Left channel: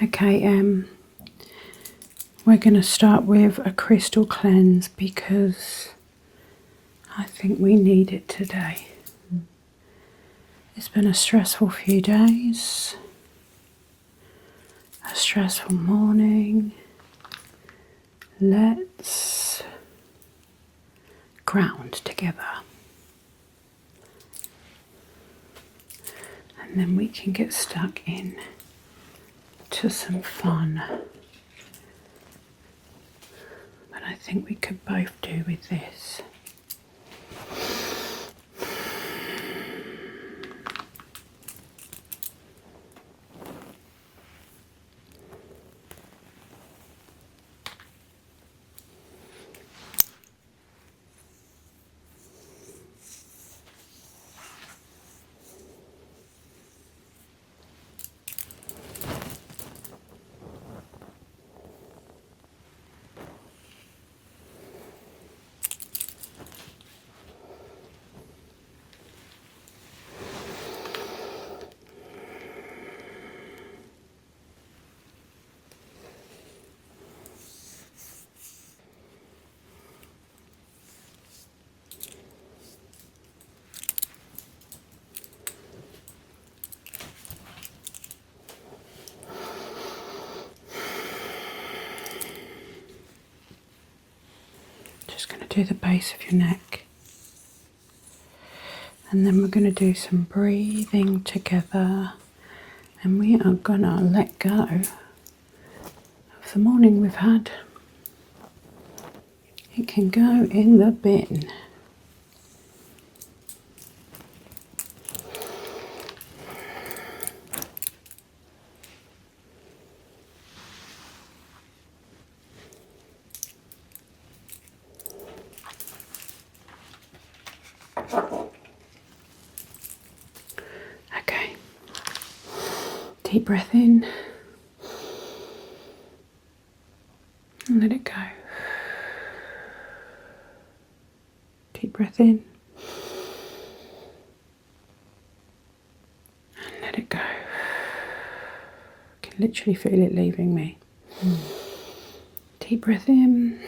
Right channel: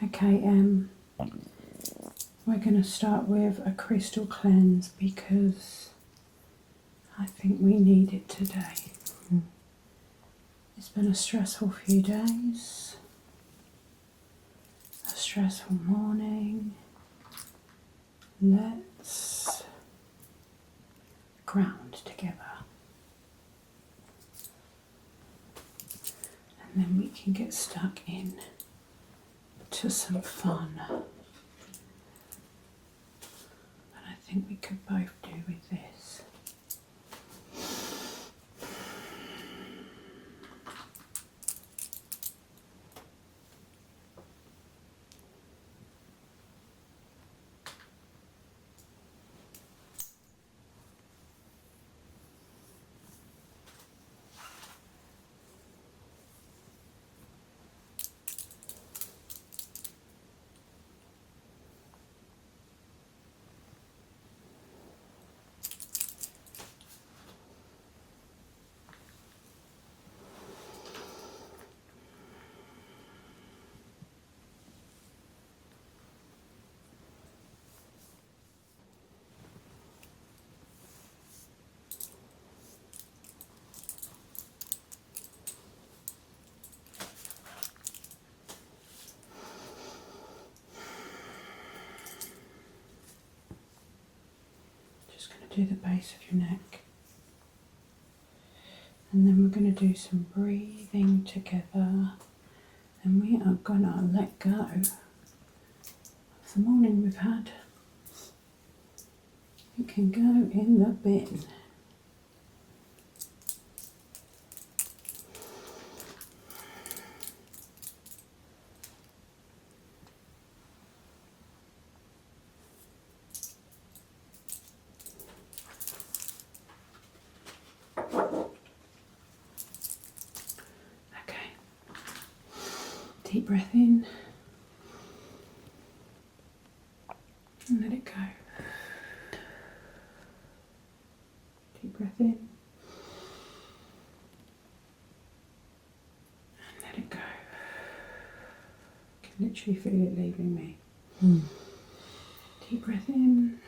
Okay, we're going to start with a crystal cleanse because I think we need it today. It's been a stressful few days, a stressful morning. Let's ground together. And then we can get stuck in to some fun. But I think we could both do with this. Just going to do the base of your neck. And then we're going to do some breathing together. And we are going to let go of the morning we've had. It can go in the bin. Okay. Deep breath in. And let it go. Deep breath in. And let it go. I can literally feel it leaving me. Deep breath in.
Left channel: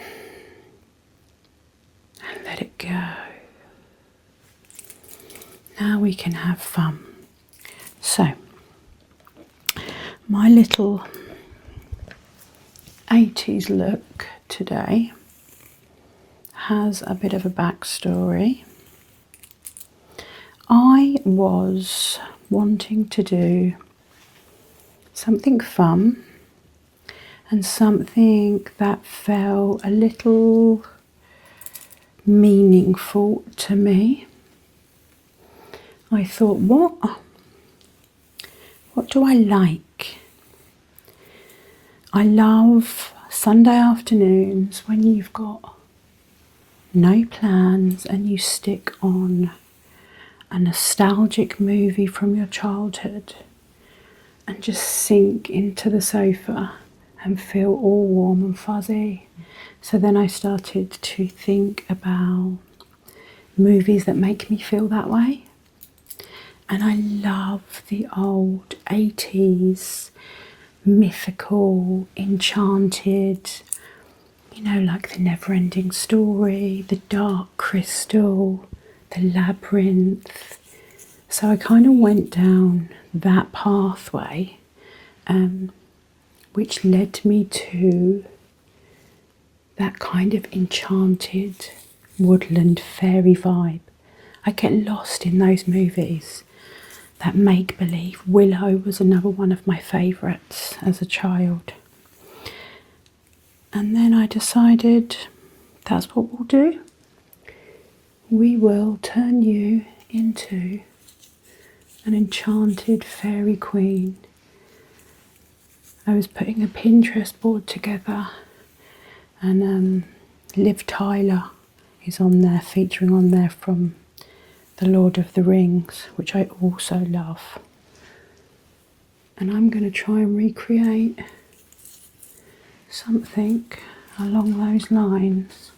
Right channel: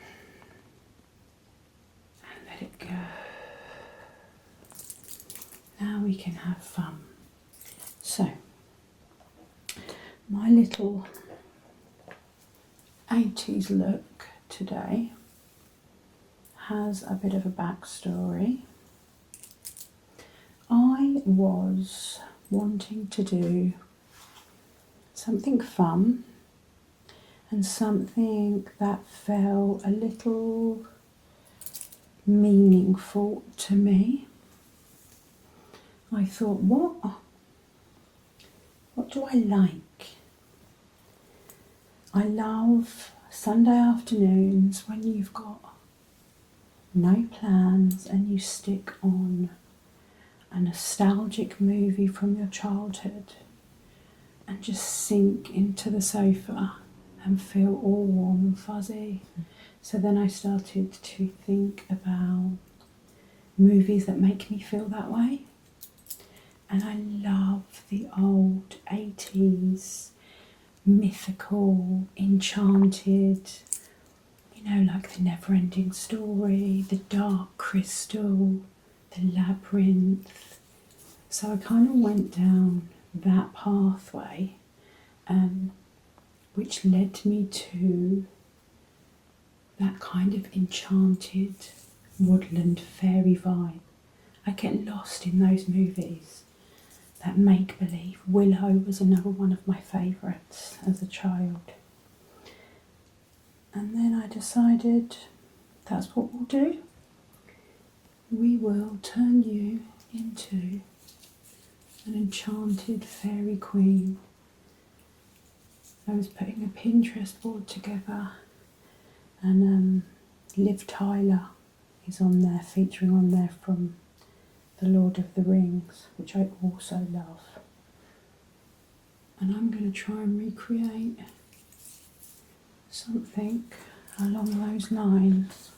And let it go. Now we can have fun. So, my little 80s look today has a bit of a backstory. I was wanting to do something fun and something that felt a little meaningful to me. I thought, what do I like? I love Sunday afternoons when you've got no plans and you stick on a nostalgic movie from your childhood and just sink into the sofa and feel all warm and fuzzy. So then I started to think about movies that make me feel that way. And I love the old 80s mythical, enchanted, you know, like The Never-Ending Story, The Dark Crystal, The Labyrinth. So I kind of went down that pathway, which led me to that kind of enchanted woodland fairy vibe. I get lost in those movies. That make-believe. Willow was another one of my favourites as a child. And then I decided that's what we'll do. We will turn you into an enchanted fairy queen. I was putting a Pinterest board together and Liv Tyler is on there, featuring on there from The Lord of the Rings, which I also love. And I'm going to try and recreate something along those lines.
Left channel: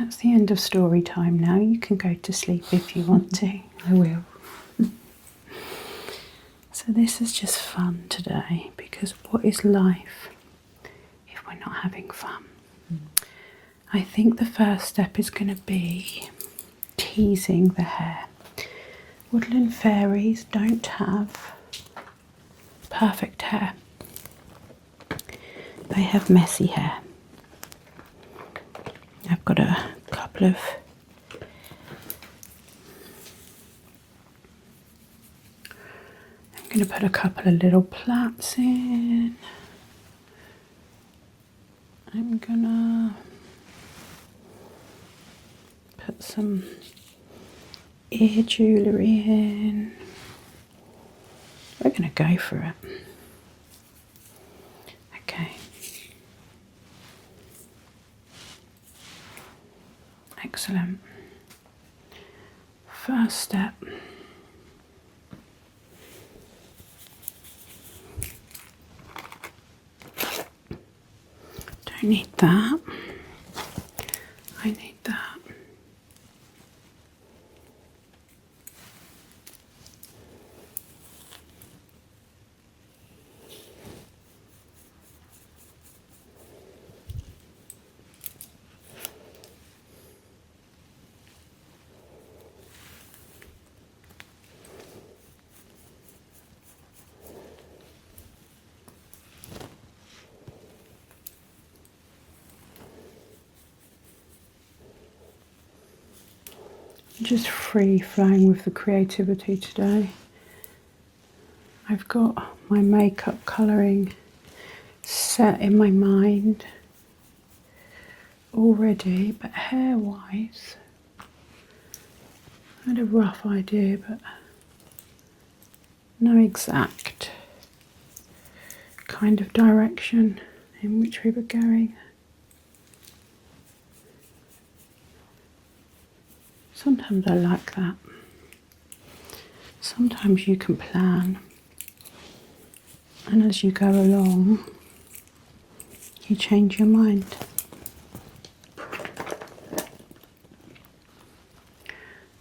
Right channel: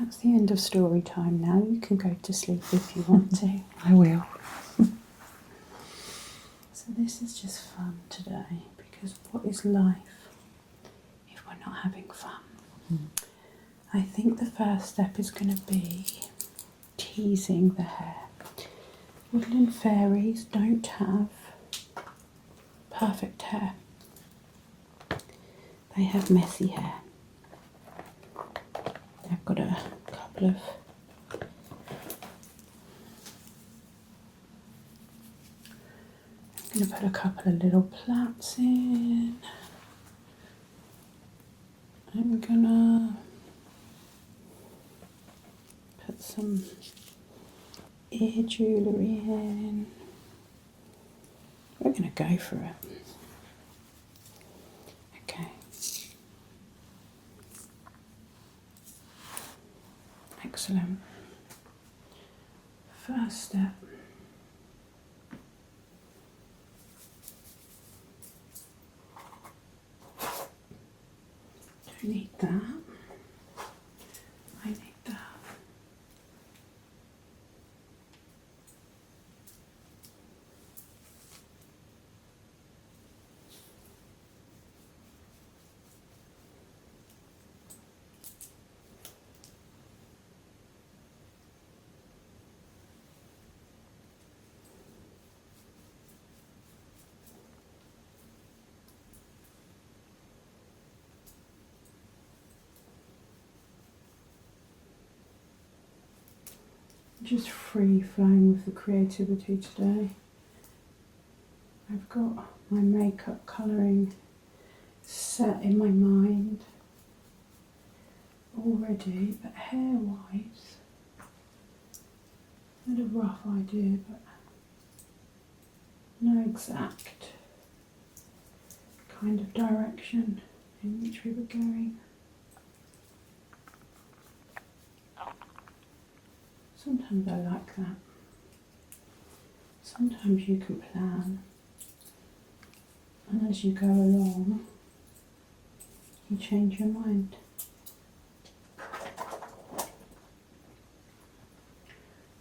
That's the end of story time now. You can go to sleep if you want to. I will. So this is just fun today, because what is life if we're not having fun? I think the first step is going to be teasing the hair. Woodland fairies don't have perfect hair. They have messy hair. I've got a couple of I'm going to put a couple of little plaits in. I'm gonna put some ear jewellery in. We're going to go for it. Okay. Excellent. First step. Don't need that. I need that. Just free flowing with the creativity today. I've got my makeup colouring set in my mind already, but hair wise I had a rough idea, but no exact kind of direction in which we were going. Sometimes I like that. Sometimes you can plan, and as you go along, you change your mind.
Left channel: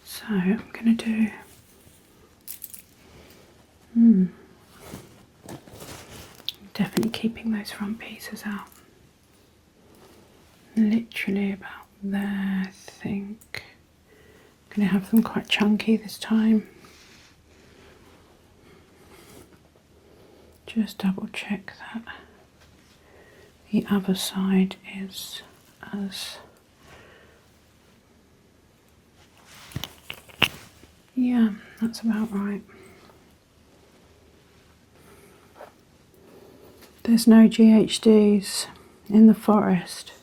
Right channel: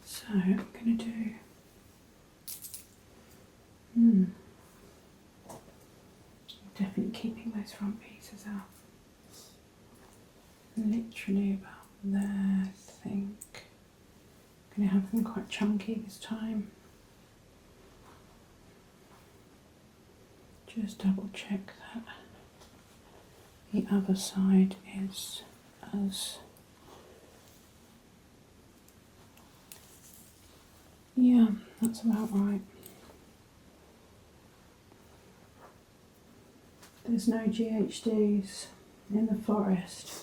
So I'm going to do definitely keeping those front pieces out. Literally about there, I think. I'm going to have them quite chunky this time. Just double check that the other side is as... Yeah, that's about right. There's no GHDs in the forest.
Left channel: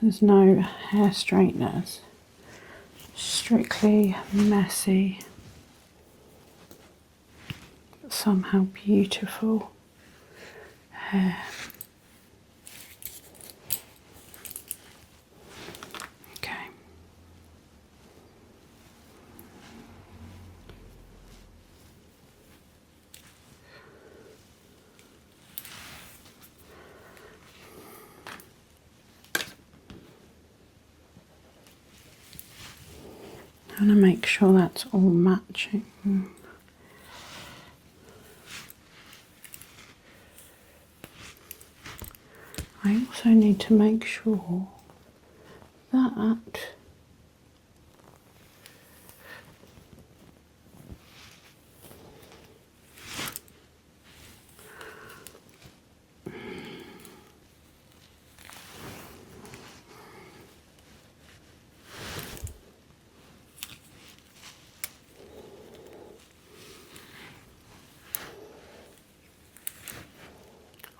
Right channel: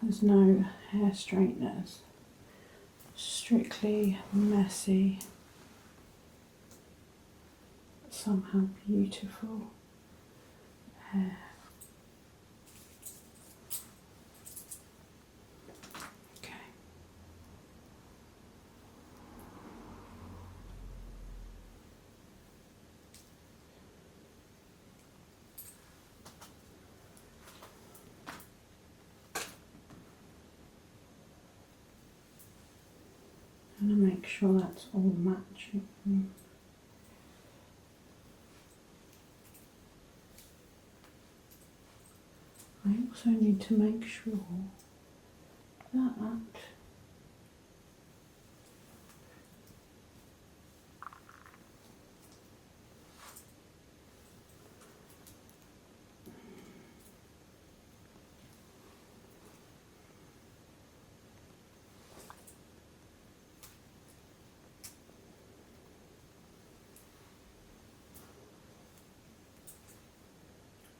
There's no hair straighteners. Strictly messy, but somehow beautiful hair. Okay. I'm going to make sure that's all matching. I also need to make sure that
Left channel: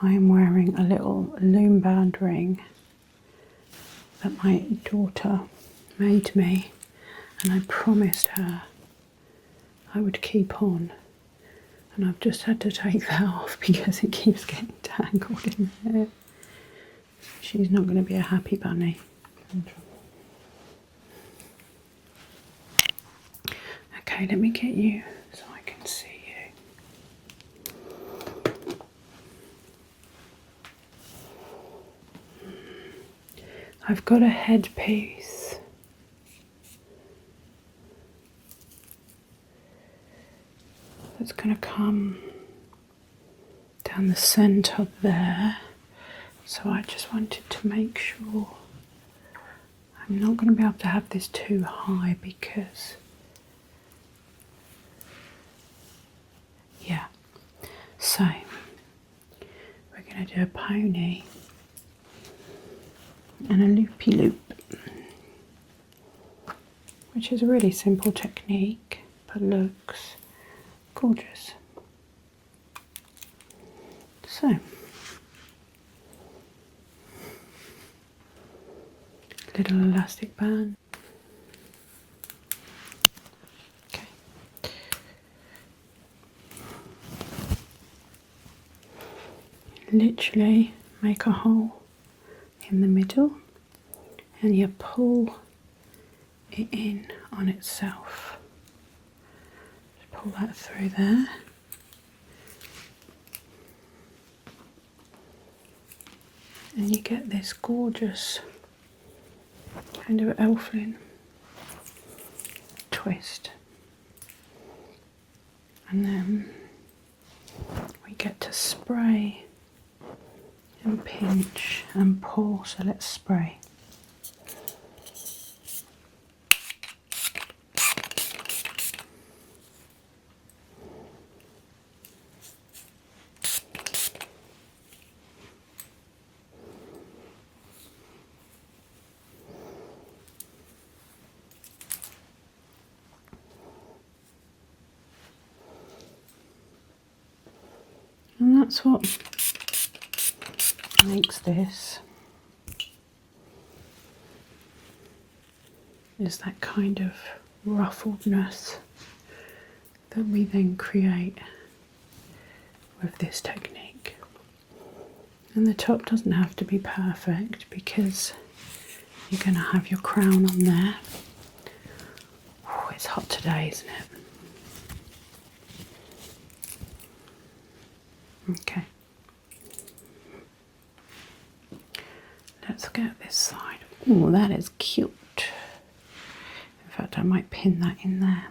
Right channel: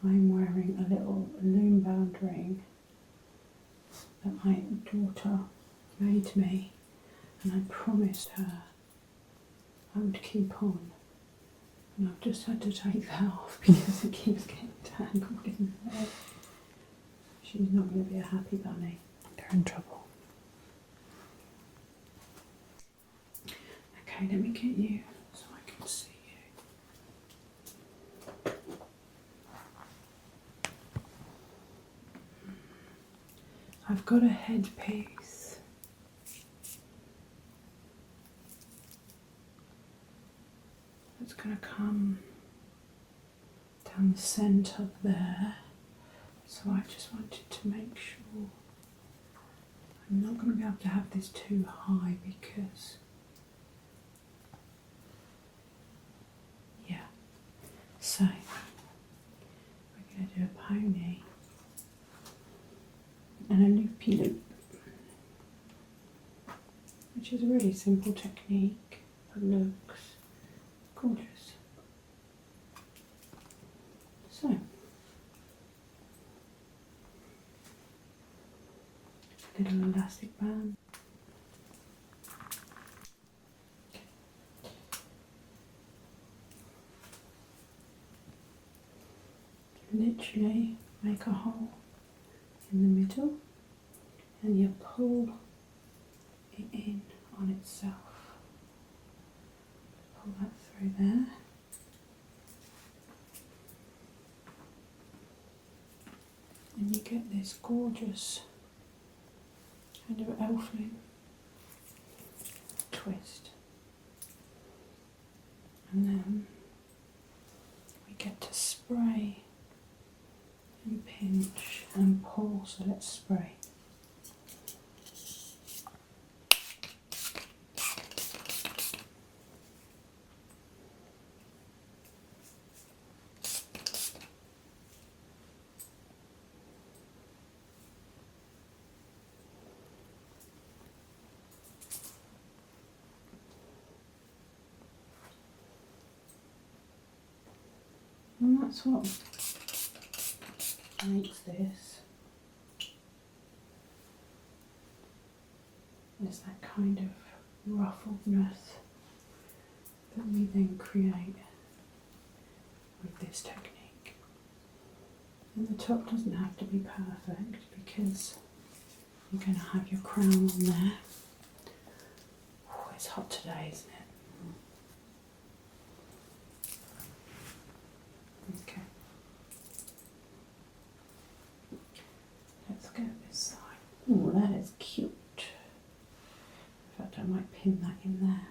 I am wearing a little loom band ring that my daughter made me, and I promised her I would keep on, and I've just had to take that off because it keeps getting tangled in there. She's not going to be a happy bunny. They're in trouble. Okay, let me get you so I can see you. I've got a headpiece. That's going to come down the centre there. So I just wanted to make sure I'm not going to be able to have this too high because, yeah. So we're going to do a pony and a loopy loop, which is a really simple technique but looks gorgeous. So little elastic band. Okay. Literally make a hole in the middle and you pull it in on itself. Just pull that through there. And you get this gorgeous kind of elfin twist. And then we get to spray and pinch and pull. So let's spray. And that's what makes this, is that kind of ruffledness that we then create with this technique. And the top doesn't have to be perfect because you're going to have your crown on there. Oh, it's hot today, isn't it? Okay. Let's get this side. Oh, that is cute. In fact, I might pin that in there.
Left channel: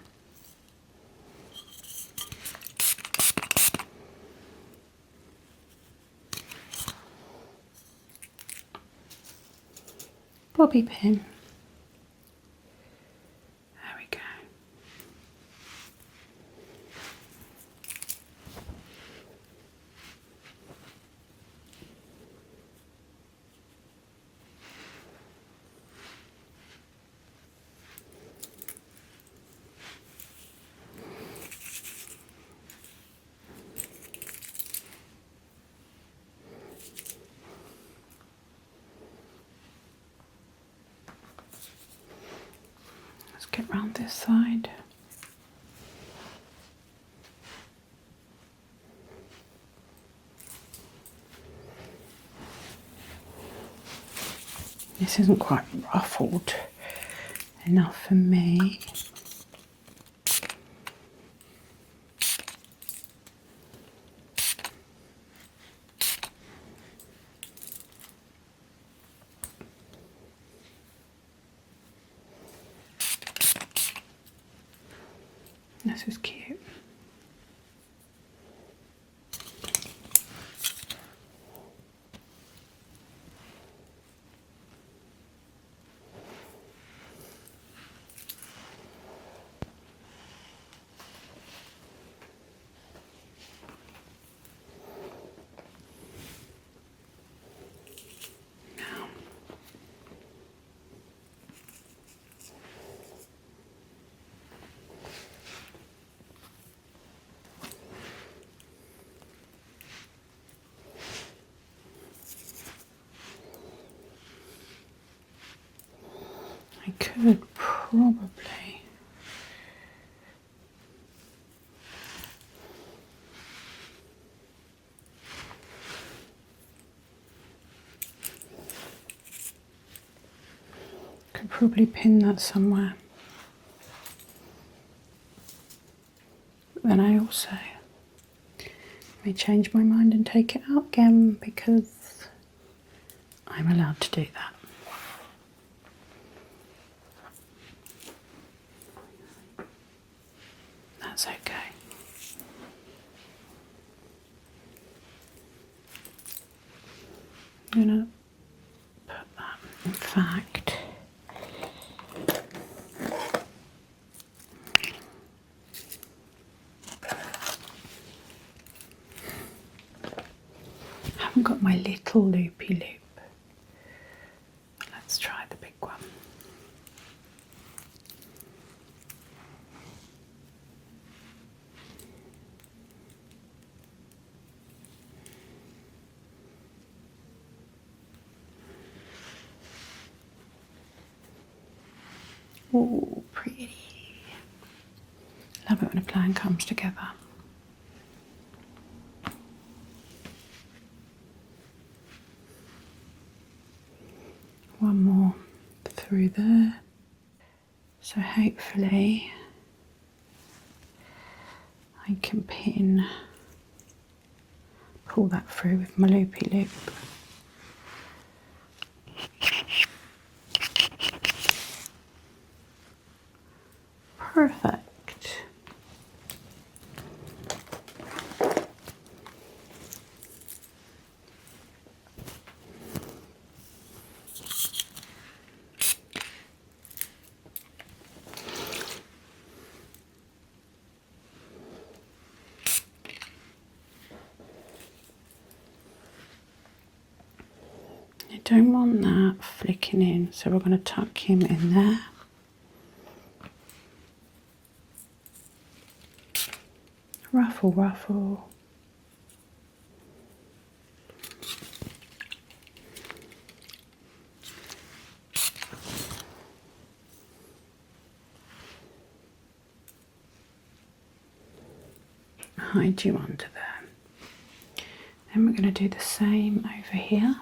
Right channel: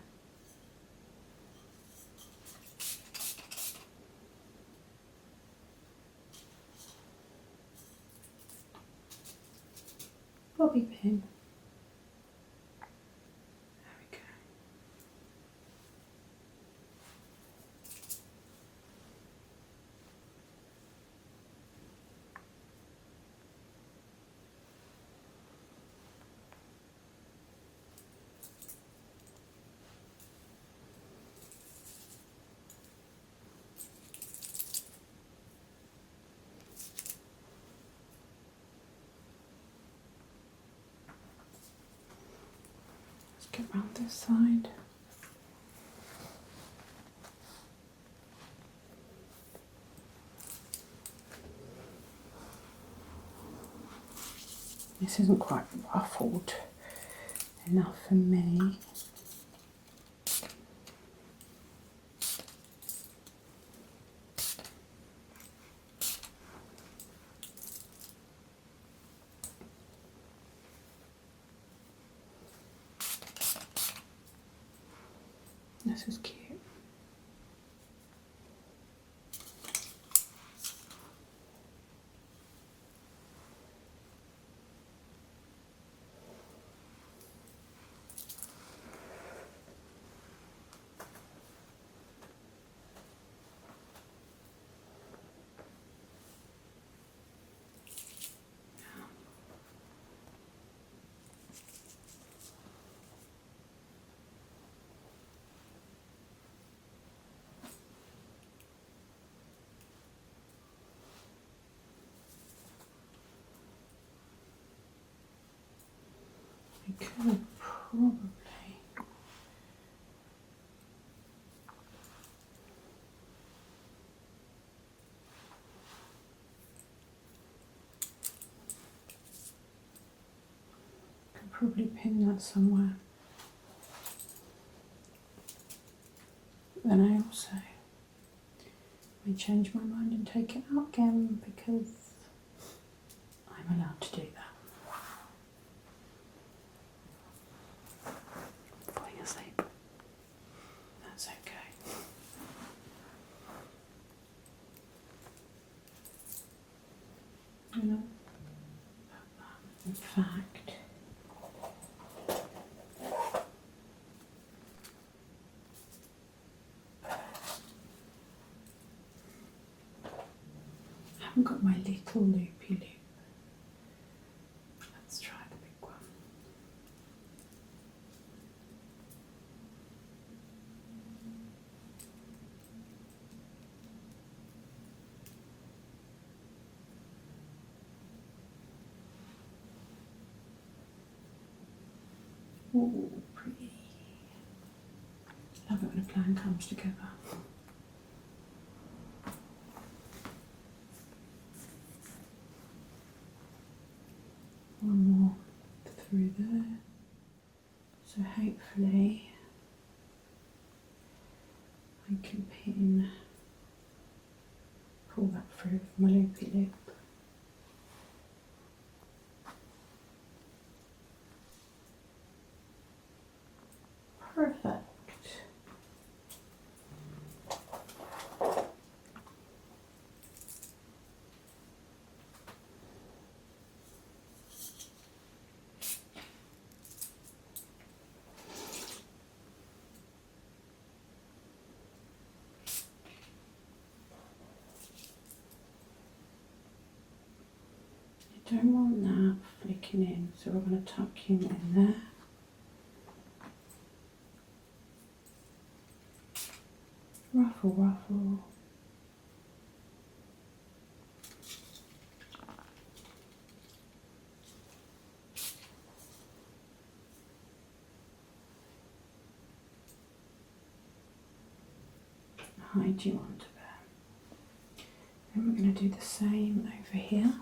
Bobby pin. There we go. Let's get round this side. This isn't quite ruffled enough for me. This is cute. I could probably pin that somewhere. But then I also may change my mind and take it out again because I'm allowed to do that. Falling asleep. That's okay. I'm gonna put that, in fact, I haven't got my little loopy loop. Let's try the big one. Oh, pretty. Love it when a plan comes together. One more through there. So hopefully I can pull that through with my loopy loop. Perfect. You don't want that flicking in, so we're going to tuck him in there. Ruffle, ruffle. Hide you under there. Then we're going to do the same over here.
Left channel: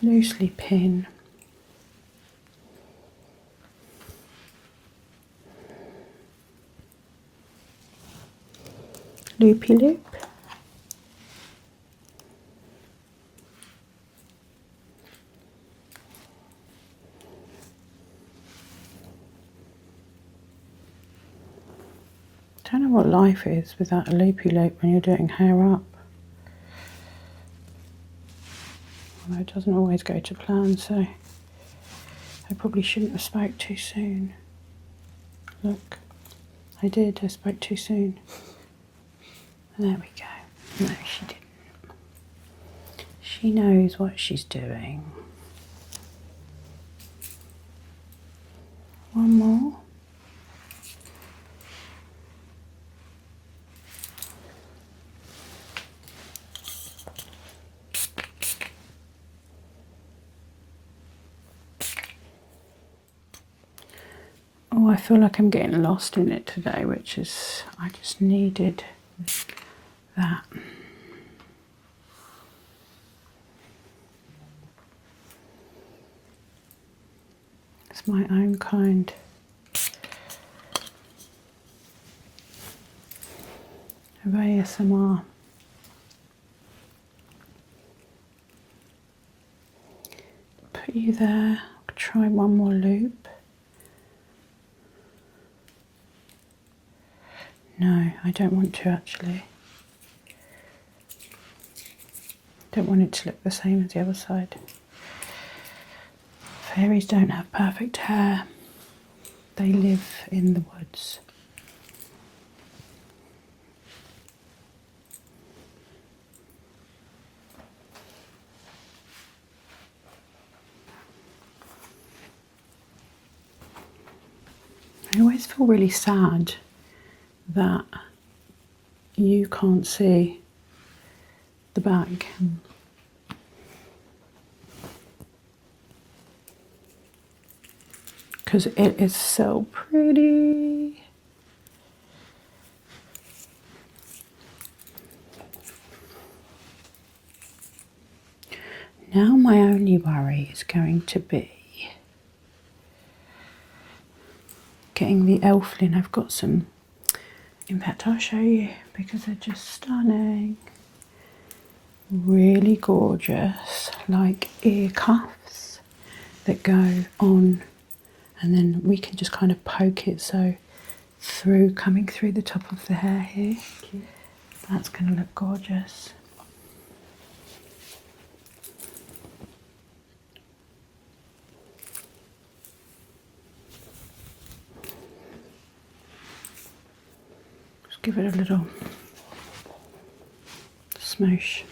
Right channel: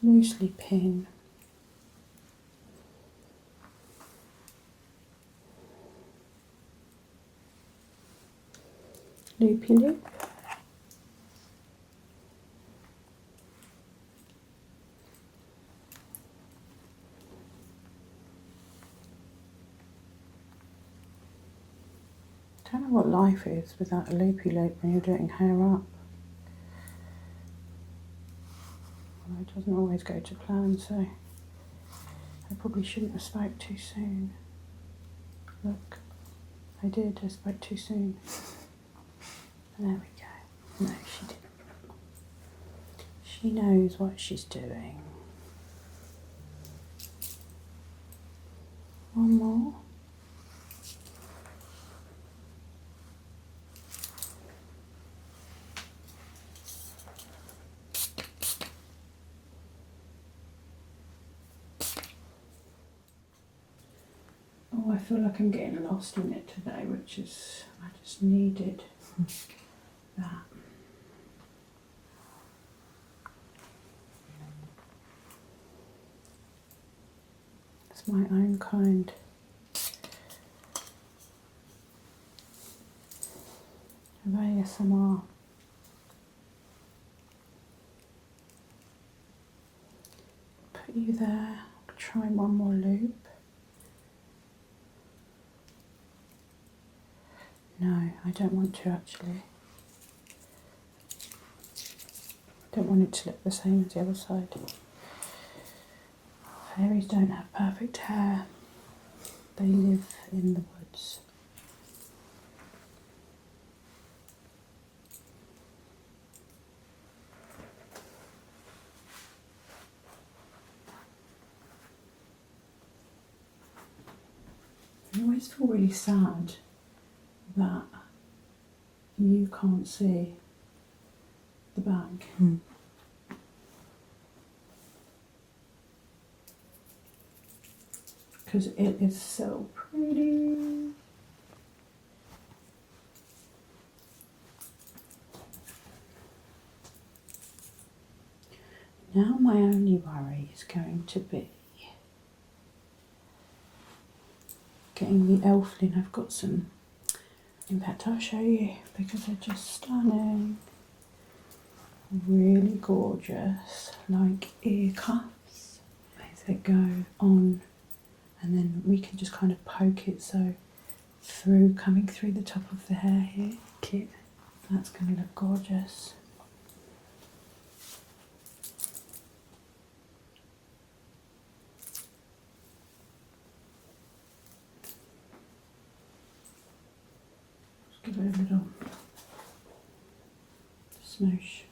Loosely pin. Loopy loop. Don't know what life is without a loopy loop when you're doing hair up. Although it doesn't always go to plan, so I probably shouldn't have spoke too soon. Look, I did, I spoke too soon. There we go. No, she didn't. She knows what she's doing. One more. Oh, I feel like I'm getting lost in it today, which is, I just needed that. It's my own kind of ASMR. Put you there, try one more loop. No, I don't want to actually. Don't want it to look the same as the other side. Fairies don't have perfect hair. They live in the woods. I always feel really sad that you can't see the bag. Because it is so pretty. Now my only worry is going to be getting the elflin. I've got some, in fact I'll show you because they're just stunning. Really gorgeous, like ear cuffs that go on and then we can just kind of poke it so coming through the top of the hair here. Cute. That's going to look gorgeous. Just give it a little smoosh.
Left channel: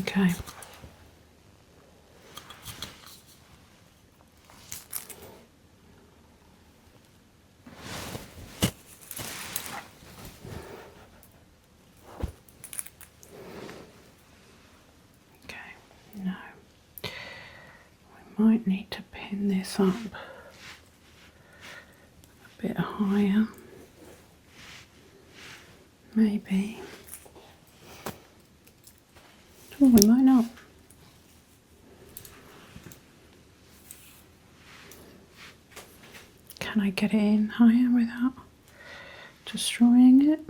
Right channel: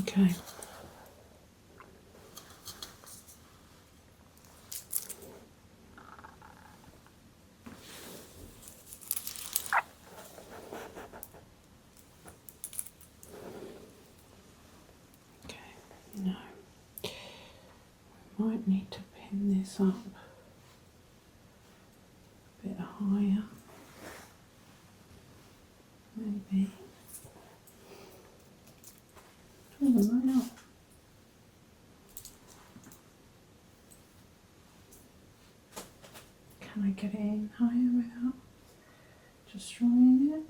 Okay. Okay, no. We might need to pin this up a bit higher. Maybe. Oh, we might not. Can I get it in higher without destroying it?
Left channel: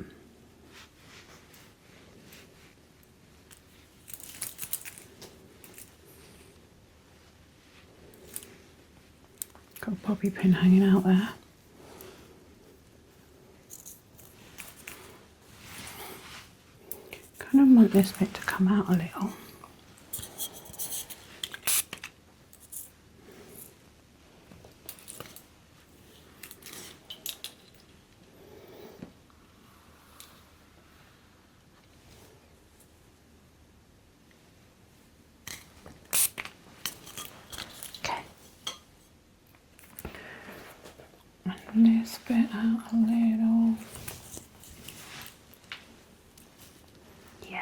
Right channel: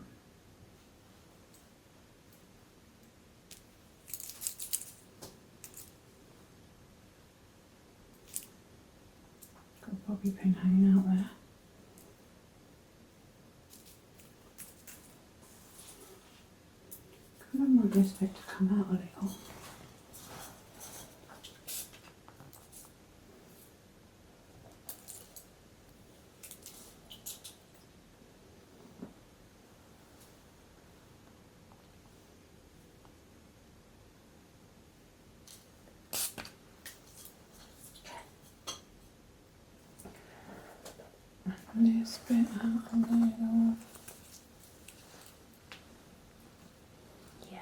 Got a bobby pin hanging out there. Kind of want this bit to come out a little. Okay. And this bit out a little. Yeah.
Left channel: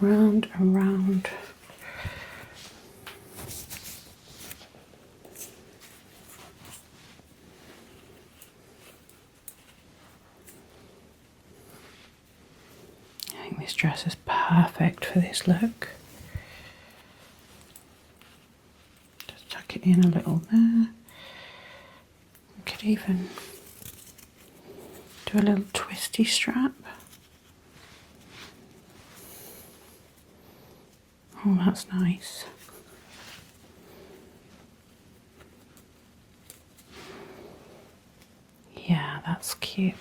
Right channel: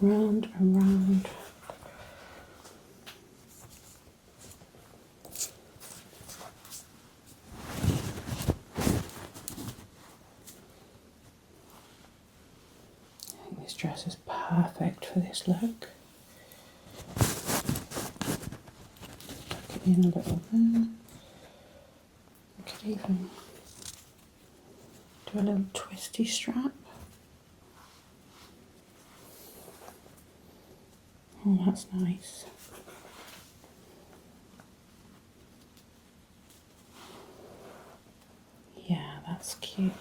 Round and round. I think this dress is perfect for this look. Just tuck it in a little there. You could even do a little twisty strap. Oh, that's nice. Yeah, that's cute.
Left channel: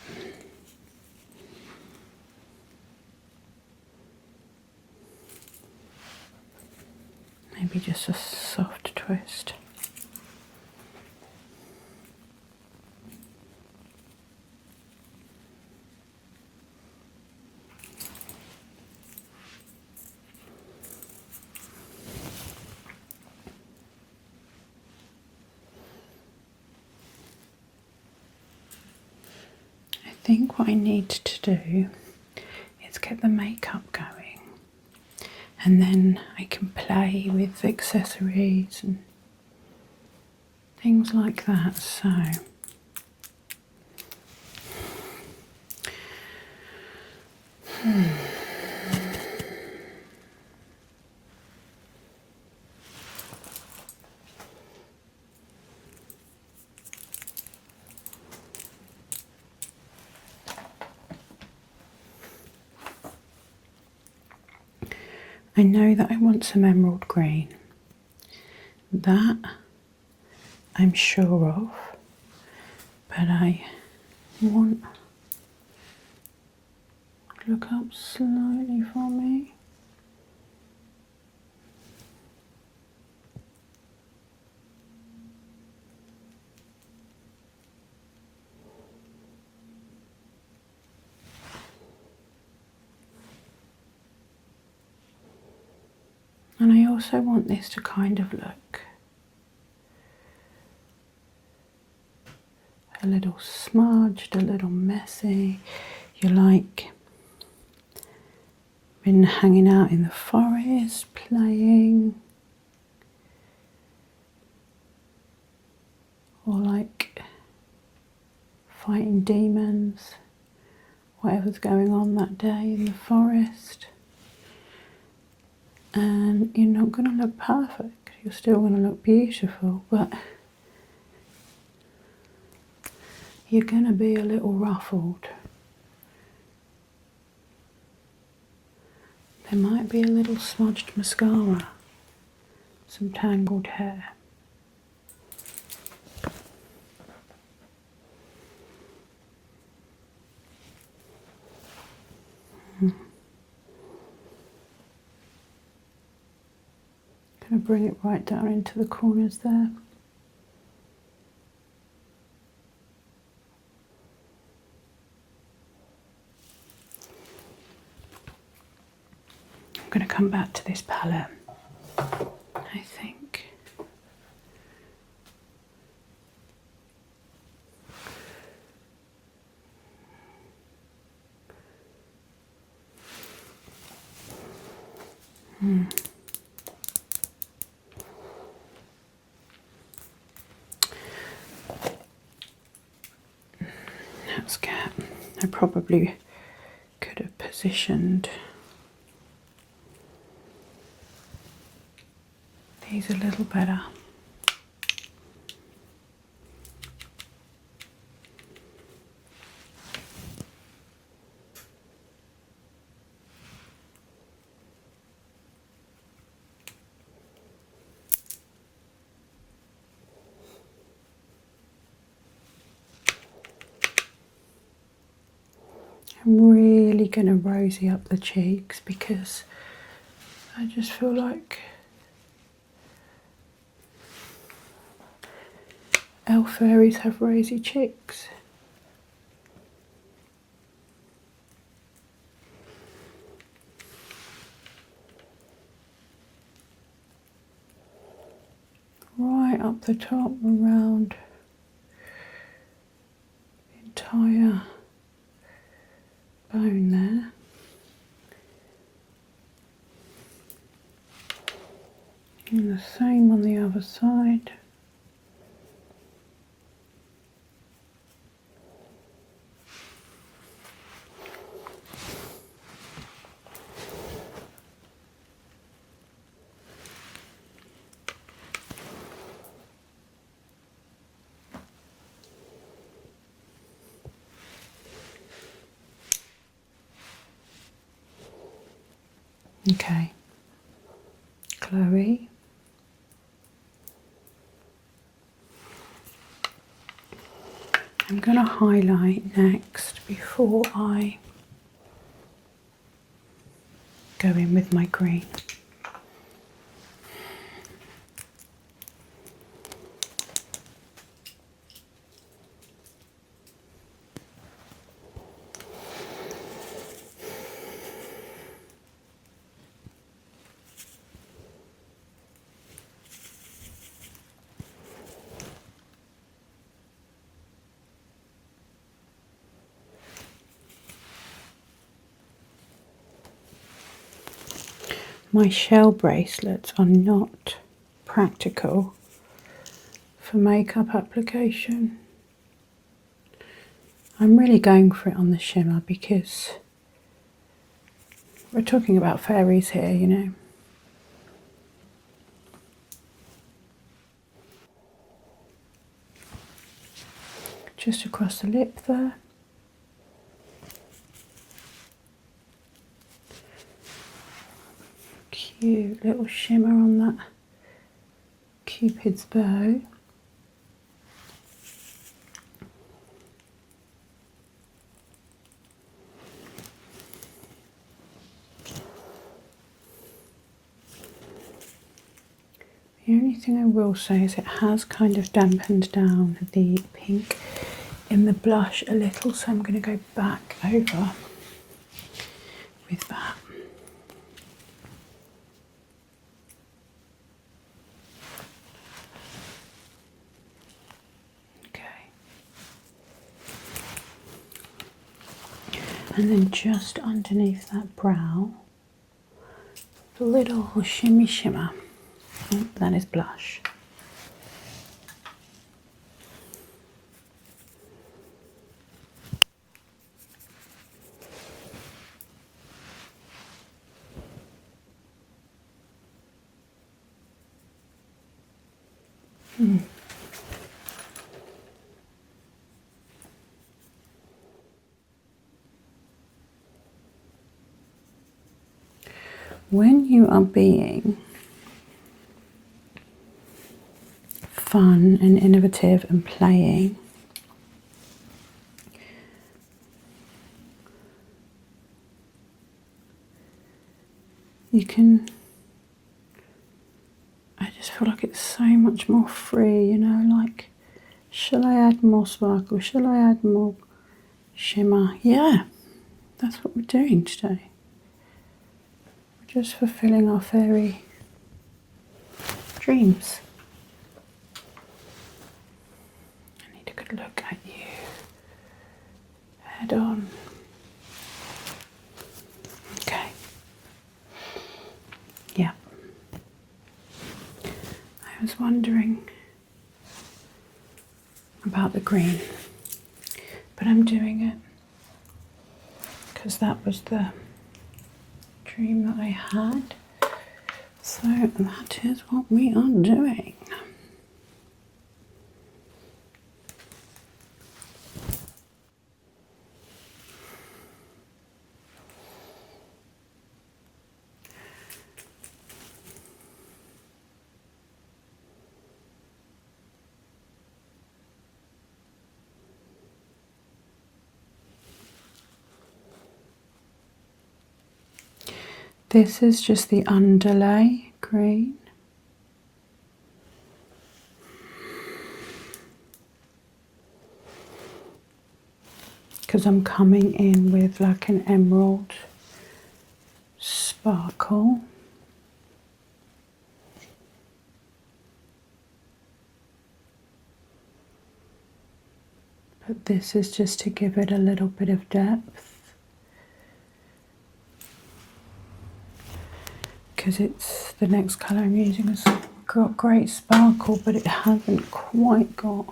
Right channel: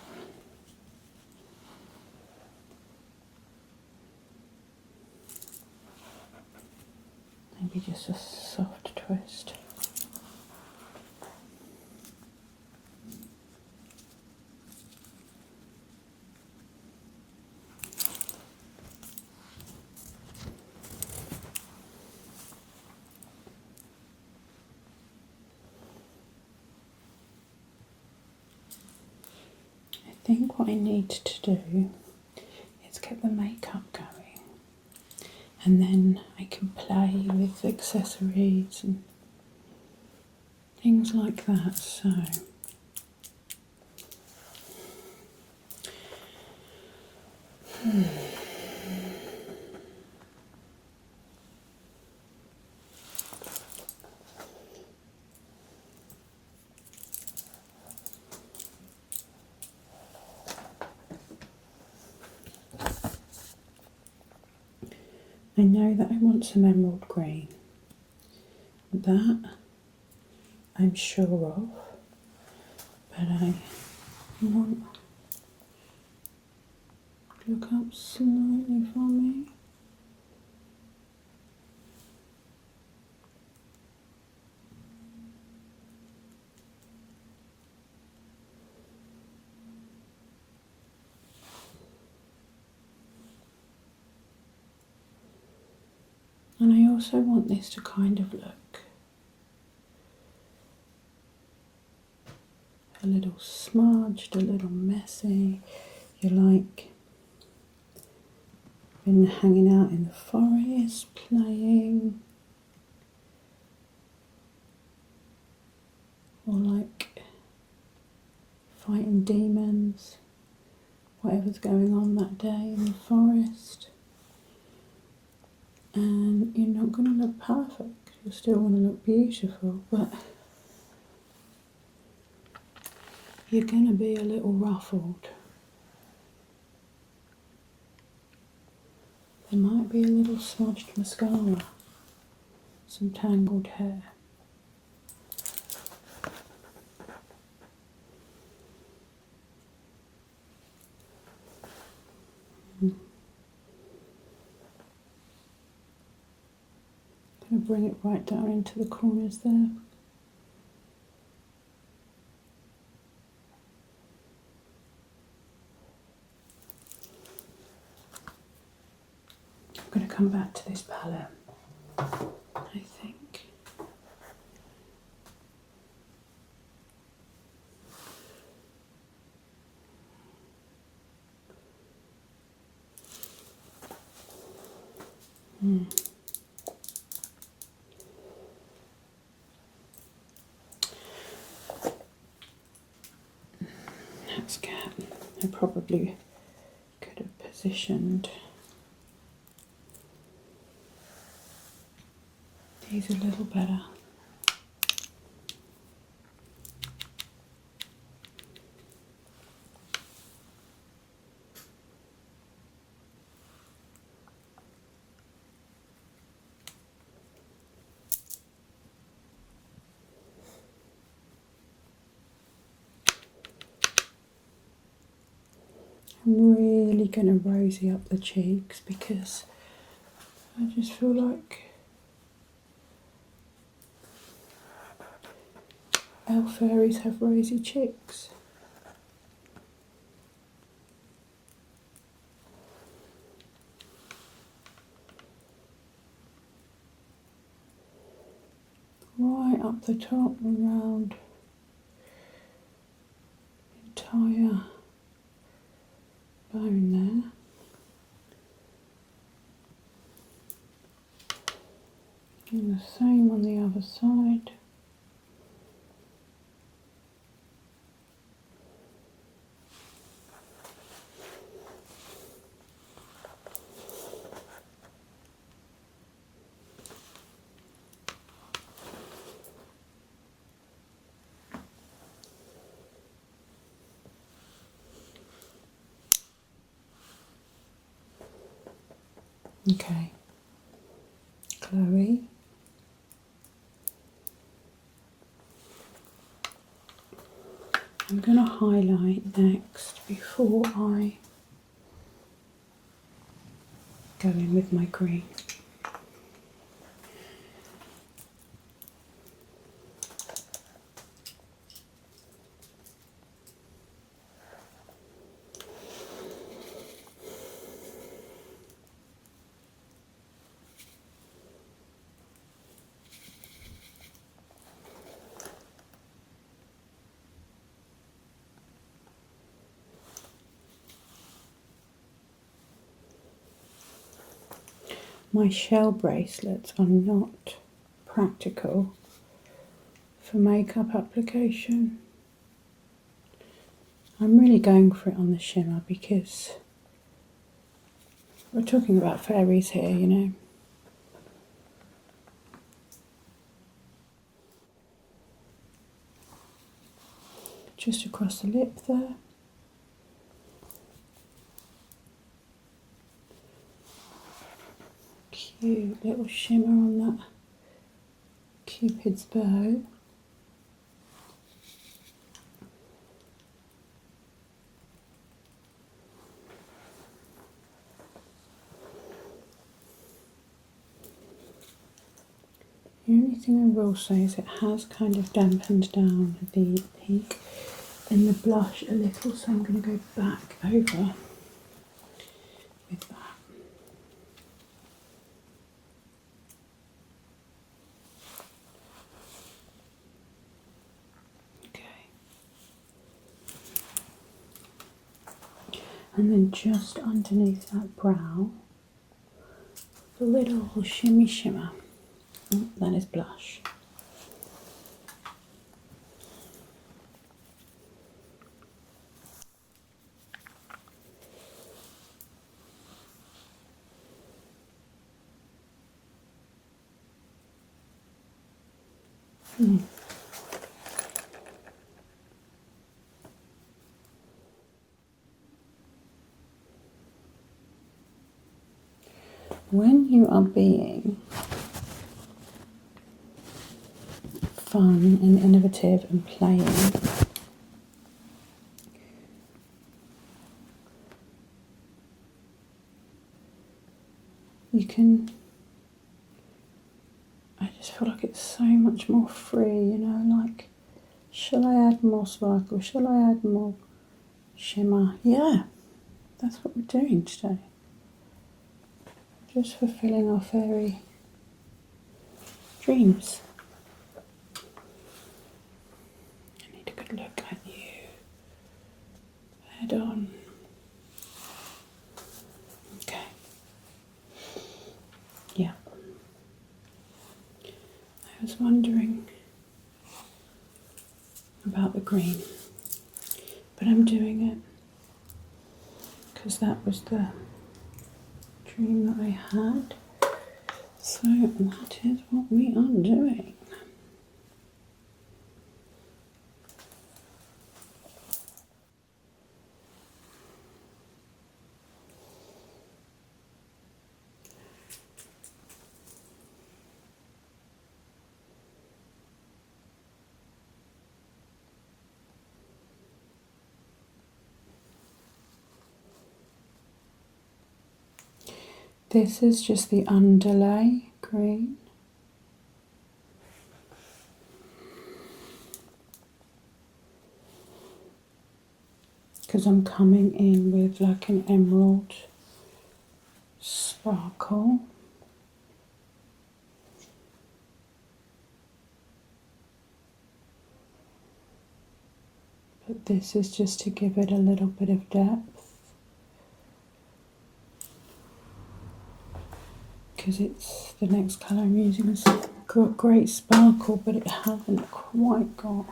Maybe just a soft twist. I think what I need to do is get the makeup going, and then I can play with accessories and things like that. So I know that I want some emerald green. That I'm sure of, but I want, look up slightly for me. And I also want this to kind of look a little smudged. smudged, a little messy. You're like been hanging out in the forest, playing, or like fighting demons, whatever's going on that day in the forest. And you're not going to look perfect, you're still going to look beautiful, but you're going to be a little ruffled. There might be a little smudged mascara, some tangled hair. Going to bring it right down into the corners there. I'm going to come back to this palette, I think. That's cat. I probably could have positioned these a little better. I'm really going to rosy up the cheeks because I just feel like elf fairies have rosy cheeks. Right up the top, around the entire bone there. And the same on the other side. Okay, Chloe. I'm going to highlight next before I go in with my green. My shell bracelets are not practical for makeup application. I'm really going for it on the shimmer because we're talking about fairies here, you know. Just across the lip there. Cute little shimmer on that Cupid's bow. The only thing I will say is it has kind of dampened down the pink in the blush a little, so I'm going to go back over with that. Okay. And then just underneath that brow, a little shimmy shimmer. Oh, that is blush. When you are being fun and innovative and playing, you can, I just feel like it's so much more free, you know, like, shall I add more sparkle? Shall I add more shimmer? Yeah, that's what we're doing today. Just fulfilling our fairy dreams. I need a good look at you. Head on. Okay. Yeah. I was wondering about the green, but I'm doing it because that was the dream that I had. So that is what we are doing. This is just the underlay green. Because I'm coming in with like an emerald sparkle. But this is just to give it a little bit of depth. Because it's the next colour I'm using has got great sparkle, but it hasn't quite got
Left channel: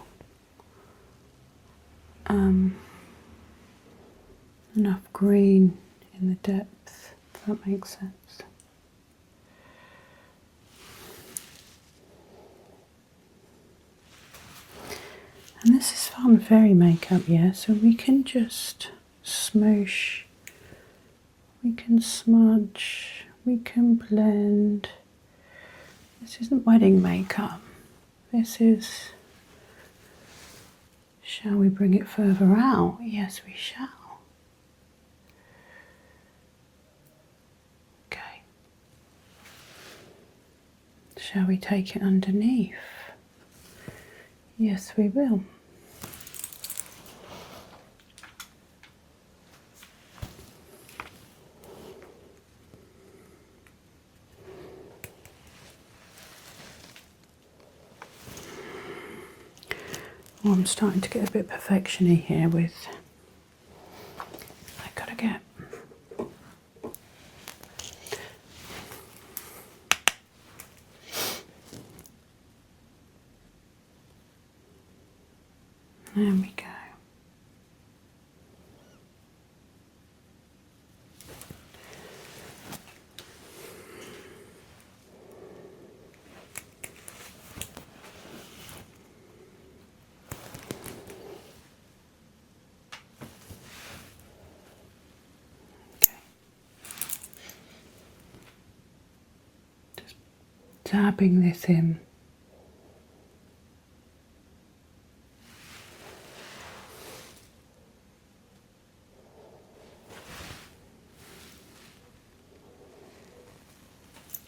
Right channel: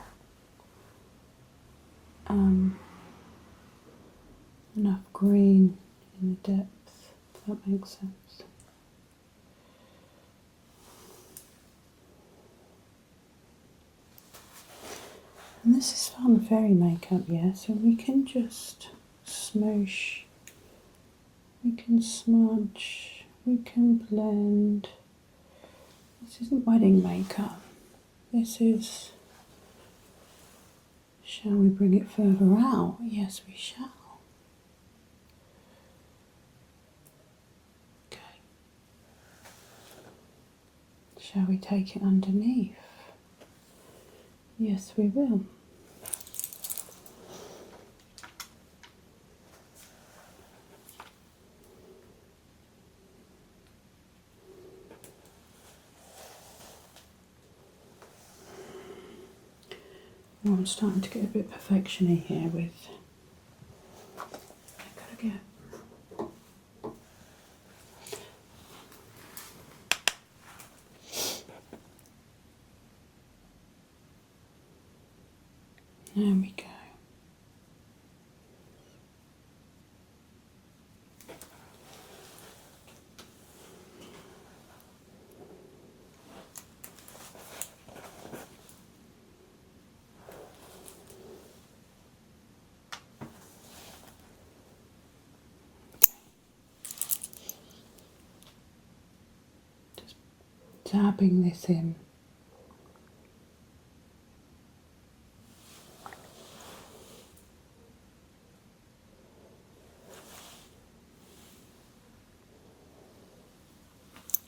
enough green in the depth, if that makes sense. And this is fun fairy makeup, yeah, so we can just smoosh, we can smudge, we can blend. This isn't wedding makeup, this is, shall we bring it further out? Yes, we shall. Okay. Shall we take it underneath? Yes, we will. Oh, I'm starting to get a bit perfection-y here with, I gotta get, there we go. Dabbing this in.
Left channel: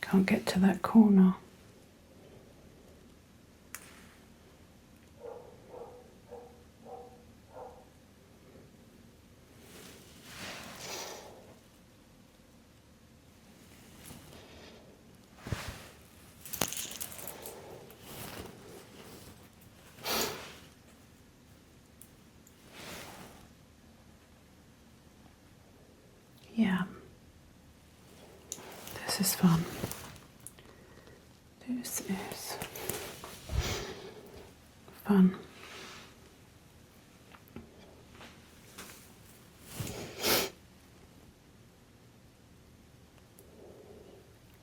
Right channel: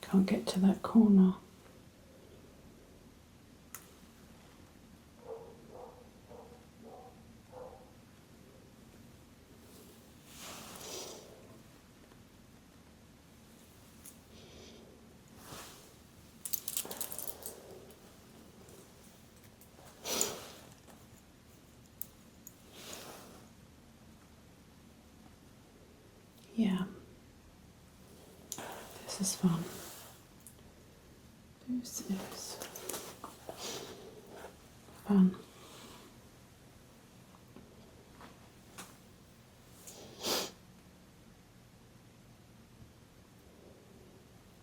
Can't get to that corner. is fun. This is fun.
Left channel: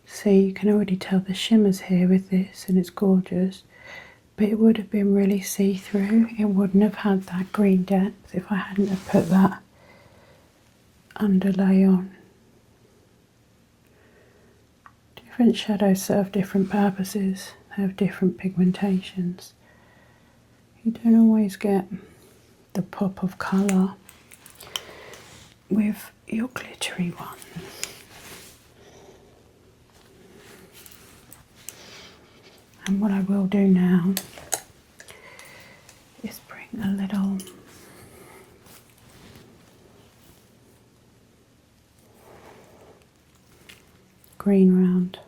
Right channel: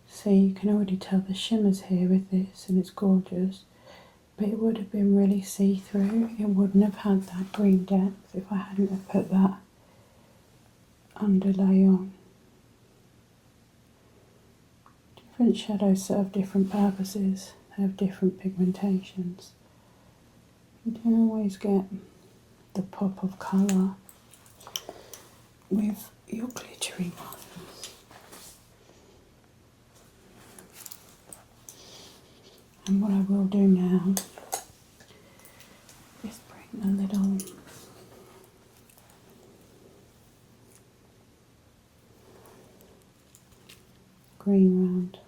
See, you can already tell the shimmers here with this, and it's gorgeous. But it would have been really see-through. It wouldn't have had that green depth if I hadn't have put that underlay on. Different shadows serve different purposes. They have different pigmentations. You don't always get the pop of colour with your glittery ones. And what I will do now is bring a little green round.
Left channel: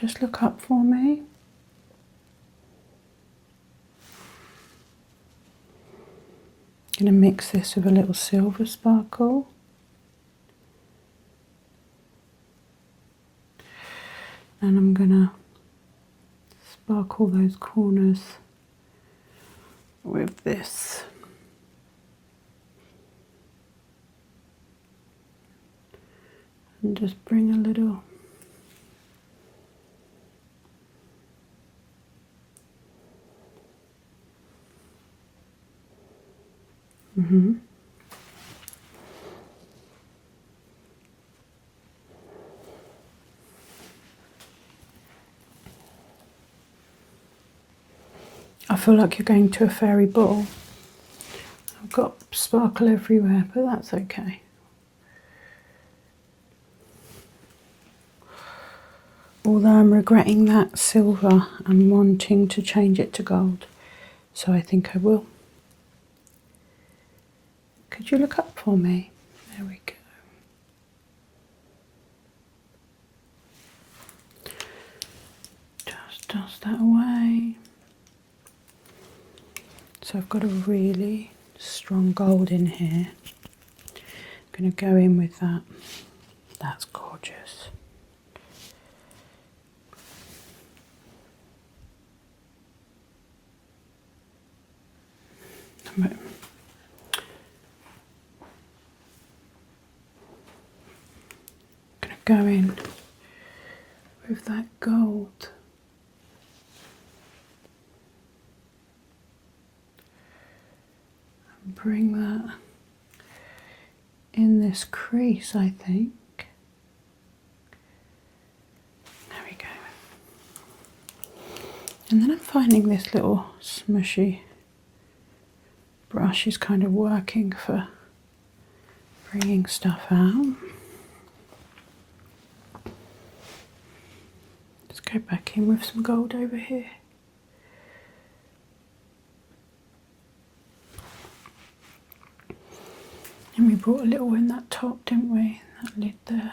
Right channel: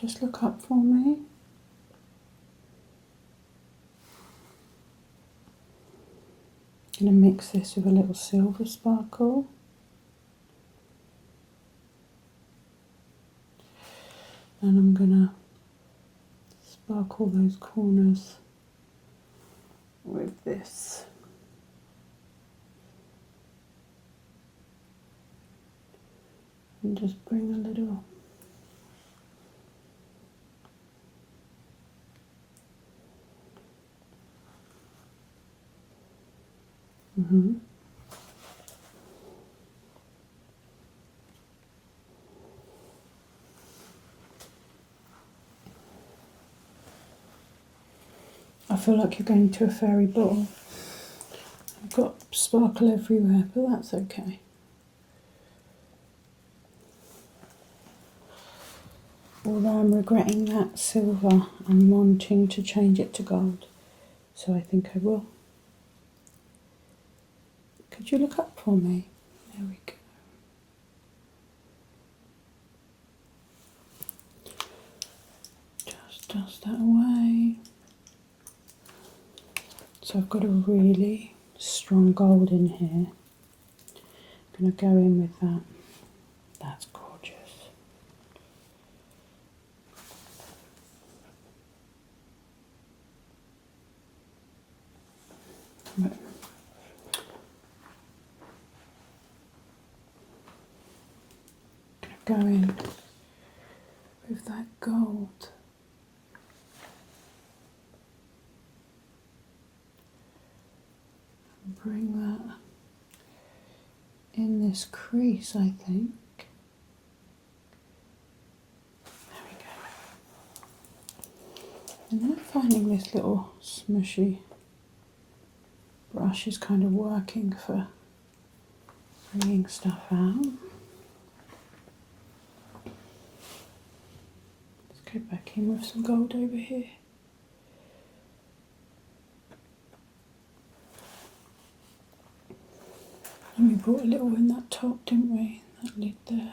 Just look up for me. I'm going to mix this with a little silver sparkle. And I'm going to sparkle those corners with this. And just bring a little I feel like you're going to a fairy ball. I've got sparkle everywhere, but that's okay. Although I'm regretting that silver and wanting to change it to gold. So I think I will. Could you look up for me? There we go. Just dust that away. So I've got a really strong gold in here. I'm going to go in with that. That's gorgeous. I'm going to go in with that gold. And bring that in this crease, I think. There we go. And then I'm finding this little smushy brush is kind of working for bringing stuff out. Let's go back in with some gold over here. And we brought a little in that top, didn't we? That lid there.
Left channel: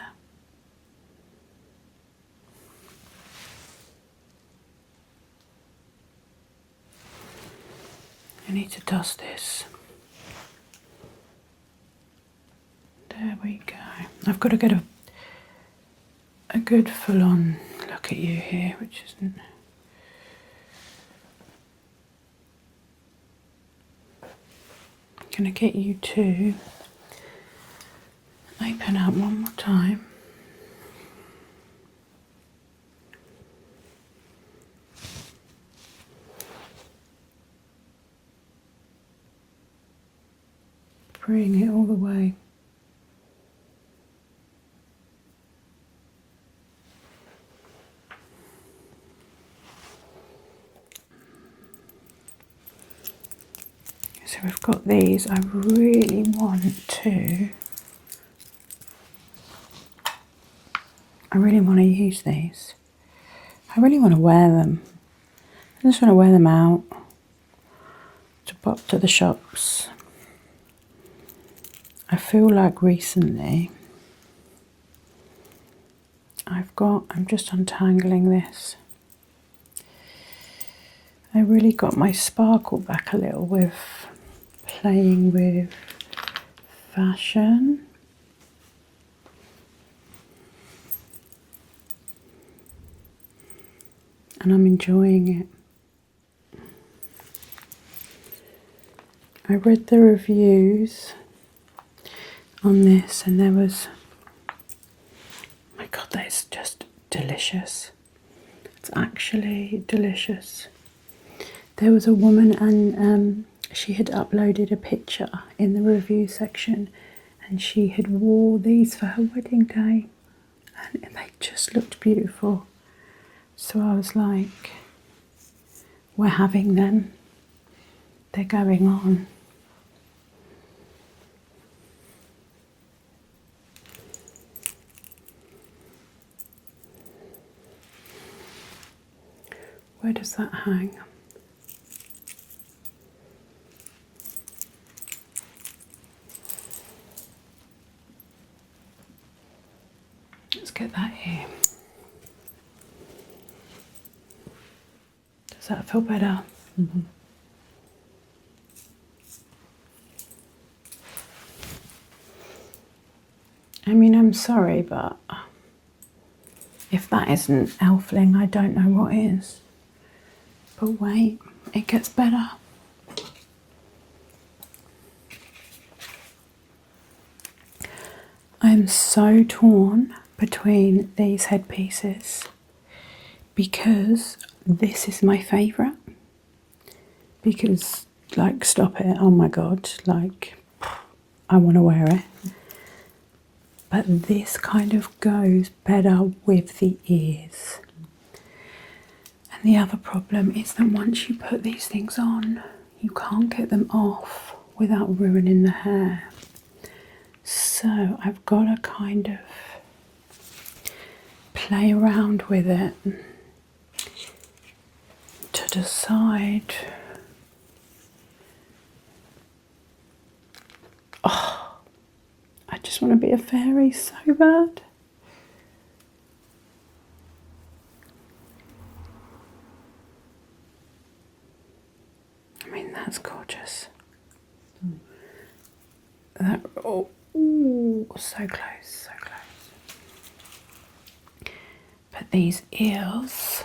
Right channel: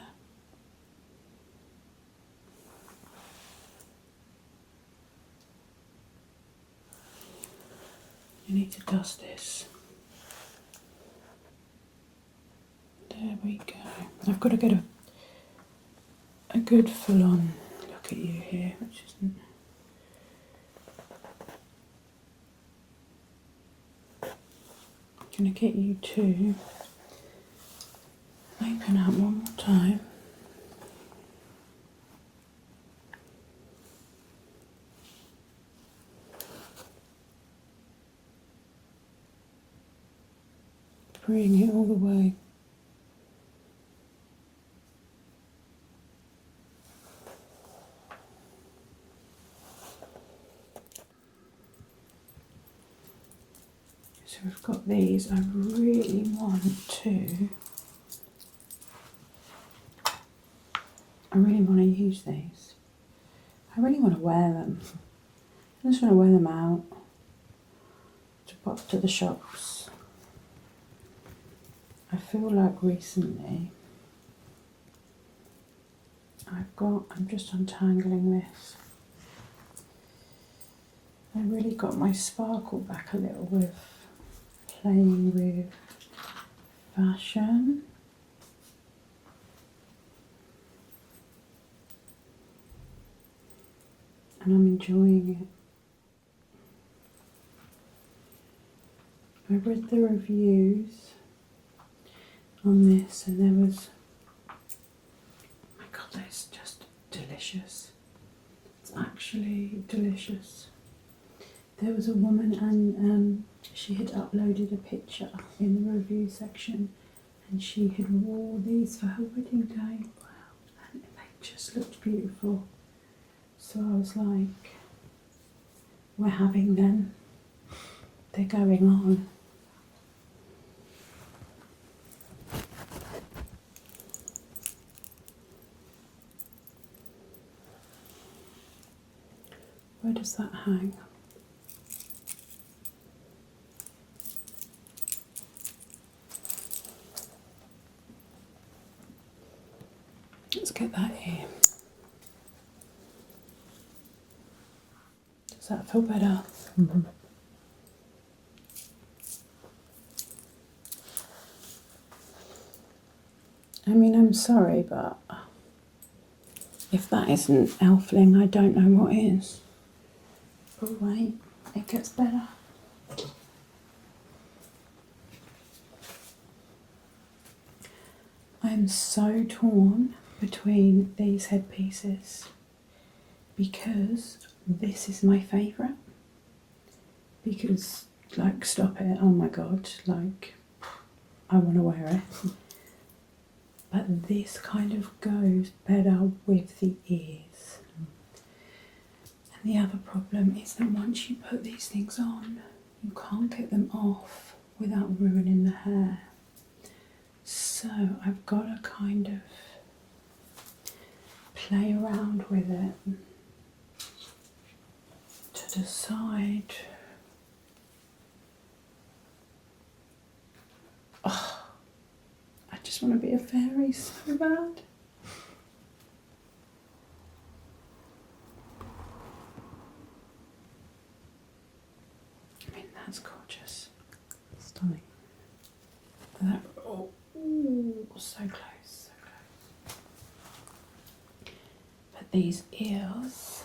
I need to dust this. There we go. I've got to get a good full-on look at you here, which isn't... I'm going to get you to open up one more time. Bring it all the way. So we've got these. I really want to use these. I really want to wear them. I just want to wear them out to pop to the shops. I feel like recently I'm just untangling this. I really got my sparkle back a little with playing with fashion. and I'm enjoying it. I read the reviews on this and there was, my God, that is just delicious. It's actually delicious. There was a woman and she had uploaded a picture in the review section and she had wore these for her wedding day and they just looked beautiful. So I was like, we're having them. They're going on. Where does that hang? Let's get that here. Does that feel better? Mm-hmm. I mean, I'm sorry, but if that isn't elfling, I don't know what is. But wait, it gets better. I'm so torn between these headpieces because this is my favourite. Because, like, stop it, oh my God, like, I want to wear it. But this kind of goes better with the ears. And the other problem is that once you put these things on, you can't get them off without ruining the hair. So I've got to kind of play around with it to decide. Oh, I just want to be a fairy so bad. I mean, that's gorgeous. Stunning. That, oh, ooh, so close, so close. But these ears,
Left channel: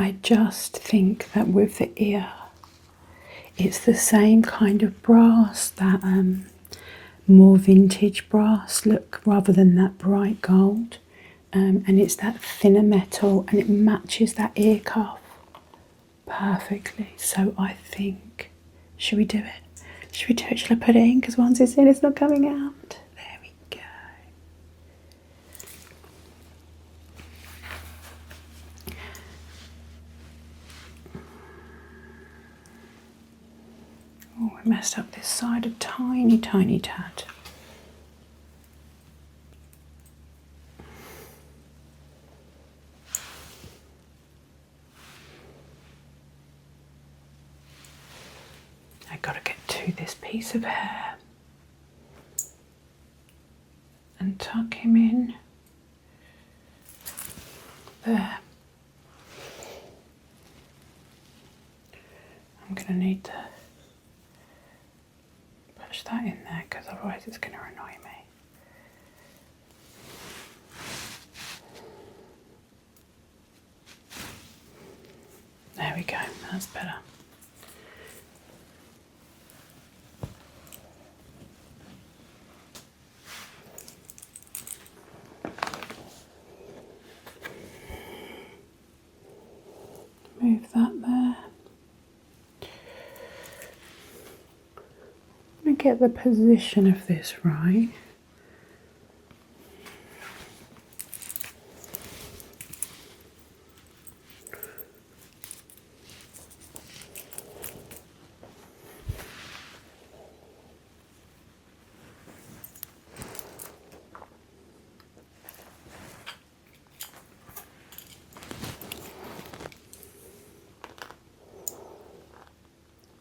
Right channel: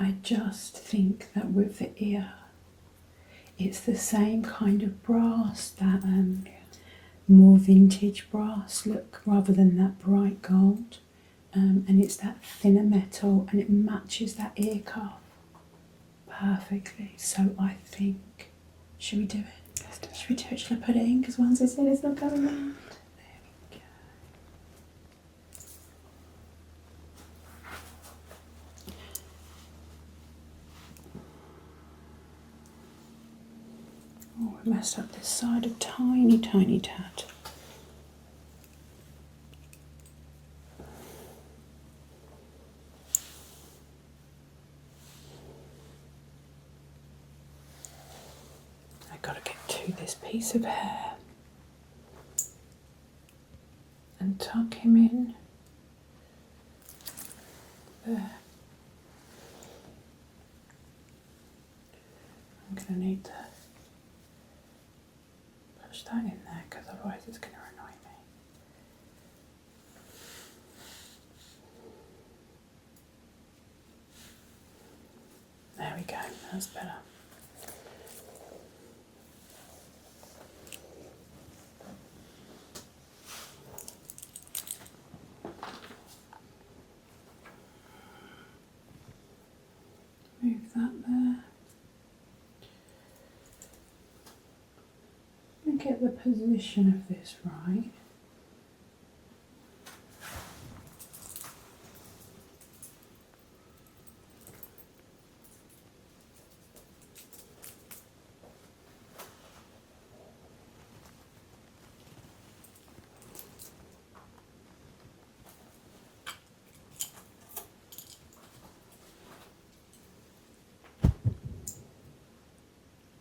I just think that with the ear, it's the same kind of brass, that more vintage brass look rather than that bright gold. And it's that thinner metal and it matches that ear cuff perfectly. So I think, should we do it? Should we do it? Should I put it in? Because once it's in, it's not coming out. There we go. Oh, I messed up this side a tiny, tiny tad. I've got to get to this piece of hair and tuck him in there. I'm going to need to push that in there because otherwise it's going to annoy me. There we go, that's better. Move that there. I'm going to get the position of this right.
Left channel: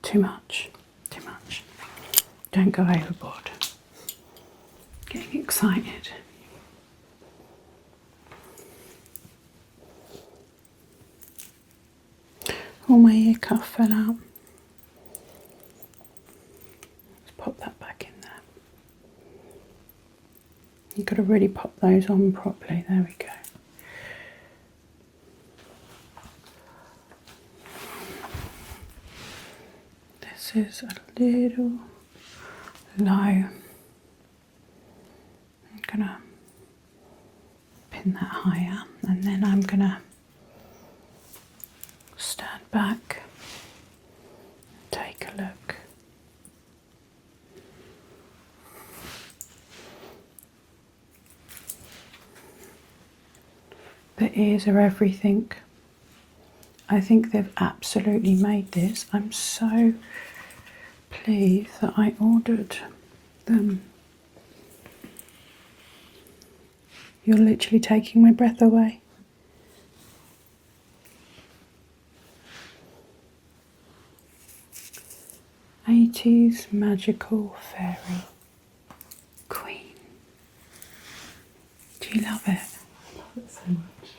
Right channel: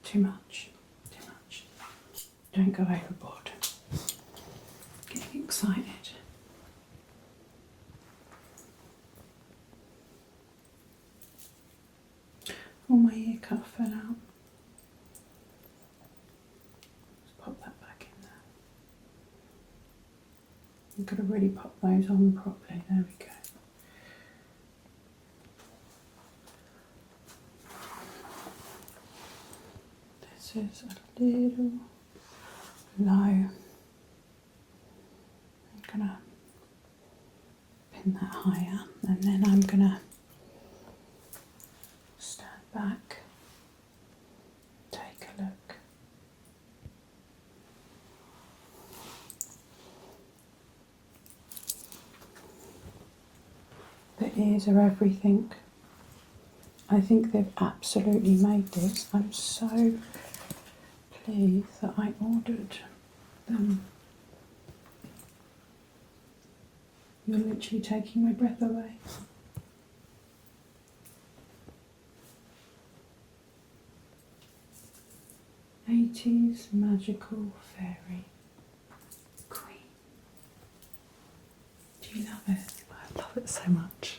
Too much, too much. Don't go overboard. Getting excited. Oh, Oh, my ear cuff fell out. Let's pop that back in there. You've got to really pop those on properly. There we go. This is a little low. I'm gonna pin that higher, and then I'm gonna stand back, take a look. The ears are everything. I think they've absolutely made this. I'm so pleased that I ordered them. You're literally taking my breath away. '80s magical fairy queen. Do you love it? I love it so much.